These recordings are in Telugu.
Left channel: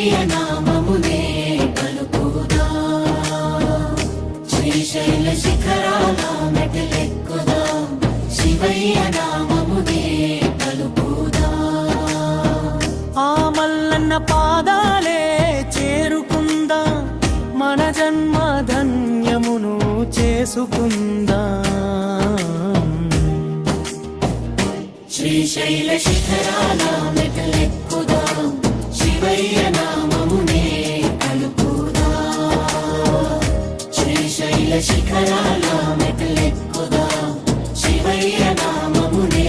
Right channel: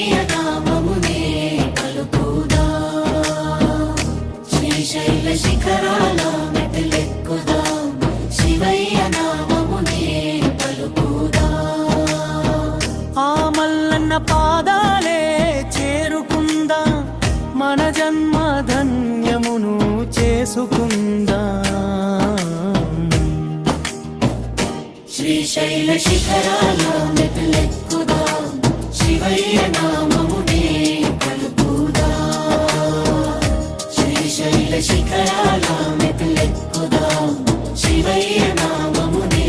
శివయ్య నామమునే పలుకుదా శ్రీశైల శిఖరాల మెట్లెక్కుదా శివయ్య నామమునే పలుకుదా ఆ మల్లన్న పాదాలే చేరుకుందా మన జన్మ ధన్యమును చేసుకుందా శ్రీశైల శిఖరాల మెట్లెక్కుదా శివయ్య నామమునే పలుకుదా శ్రీశైల శిఖరాల మెట్లెక్కుదా శివయ్య నామమునే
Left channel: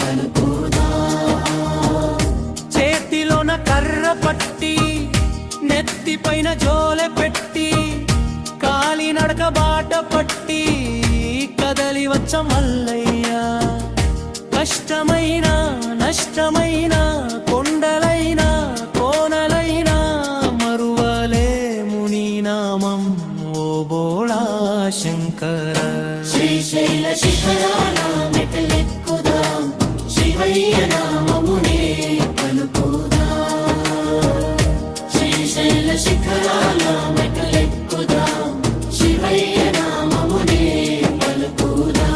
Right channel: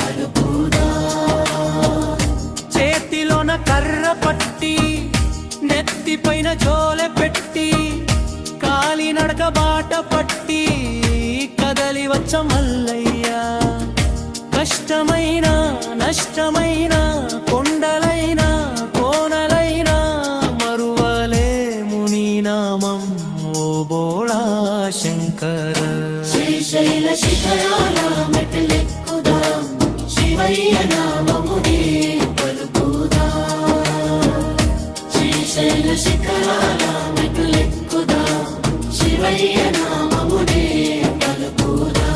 పలుకుదా చేతిలోన కర్ర పట్టి నెత్తిపైన జోలె పెట్టి కాలినడక బాట పట్టి కదలి వచ్చ మల్లయ్య కష్టమైన నష్టమైన కొండలైన కోనలైన మరువలేము నీ నామం ఓ బోళా శంకర శ్రీశైల శిఖరాల మెట్లెక్కుదా శివయ్య నామమునే పలుకుదా శ్రీశైల శిఖరాల మెట్లెక్కుదా శివయ్య నామమునే పలుకుదా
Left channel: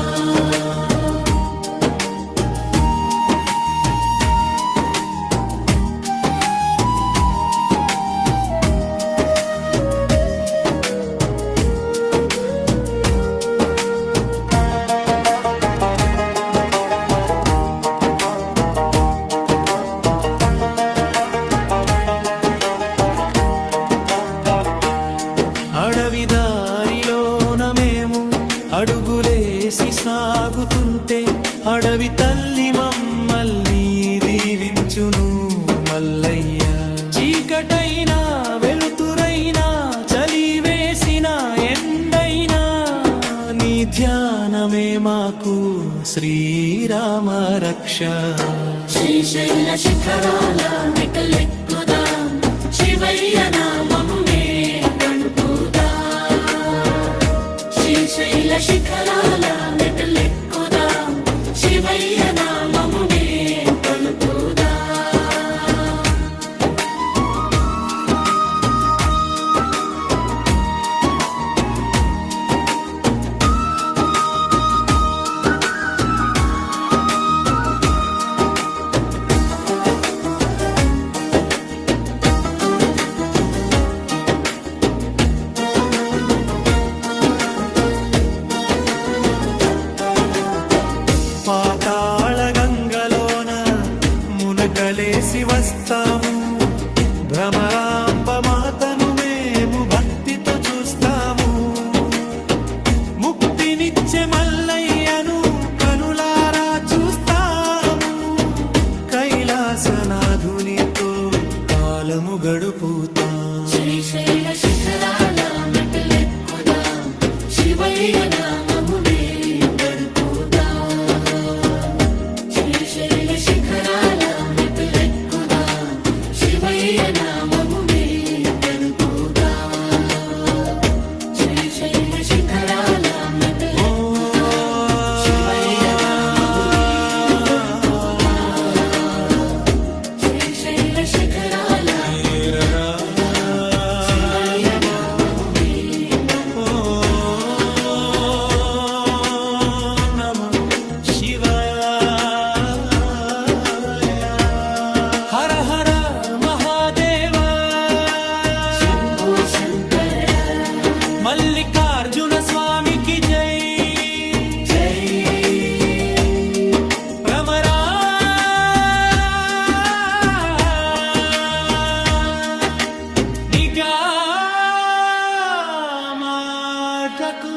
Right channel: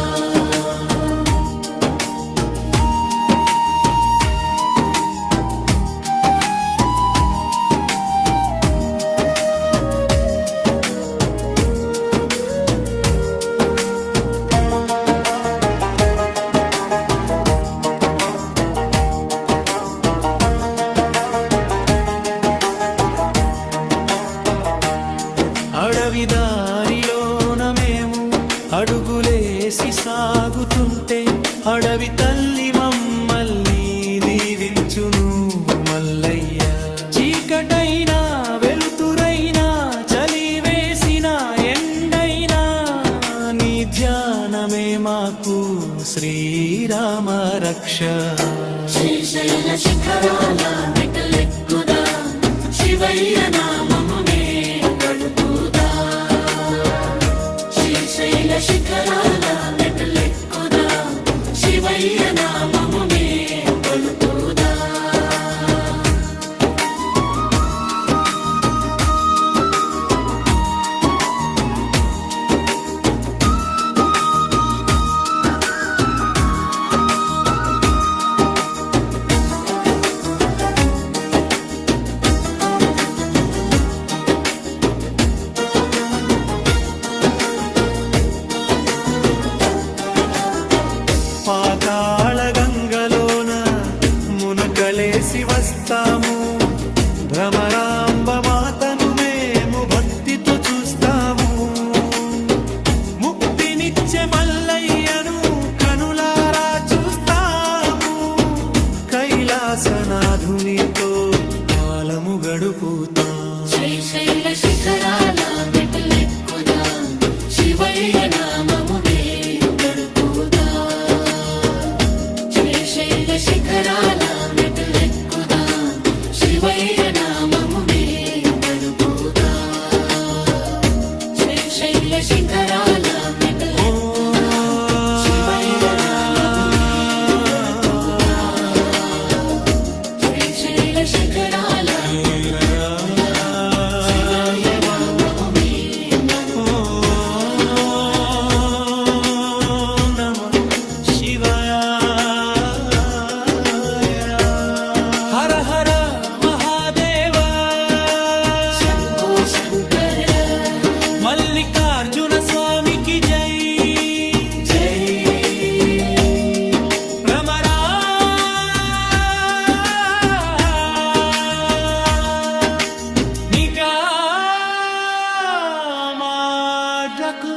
అడవిదారిలోన మేము అడుగులేసి సాగుతుంటే అడవి తల్లి మమ్మల్ని దీవించును మల్లయ్య చీకటైనా వెలుతురైనా చలి వేసిన ఎండైనా నీ ధ్యానమే మాకు శ్రీరామ రక్ష శ్రీశైల శిఖరాల మెట్లెక్కుదా శివయ్య నామమునే పలుకుదా శ్రీశైల శిఖరాల మెట్లెక్కుదా శివయ్య నామమునే పలుకుదా పాతాళ గంగలోన మునకలేసి వస్తాము భ్రమరాంబ మాతను మేము భక్తితో చూస్తాము ముక్తినిచ్చే మల్లయ్యను కనులారా చూస్తాము కైలాసనాథునితో కాలము గడుపుతాం శ్రీశైల శిఖరాల మెట్లెక్కుదా శివయ్య నామమునే గడుపుదా శ్రీశైల శిఖరాల మెట్లెక్కుదా శివయ్య నామమునే గడుపుదా శ్రీశైల శిఖరాల మెట్లెక్కుదా శివయ్య శ్రీశైల శిఖరాల హర హర మహాదేవ మల్లికార్జున స్వామికి జై రమరా నిగా మాడ్రకు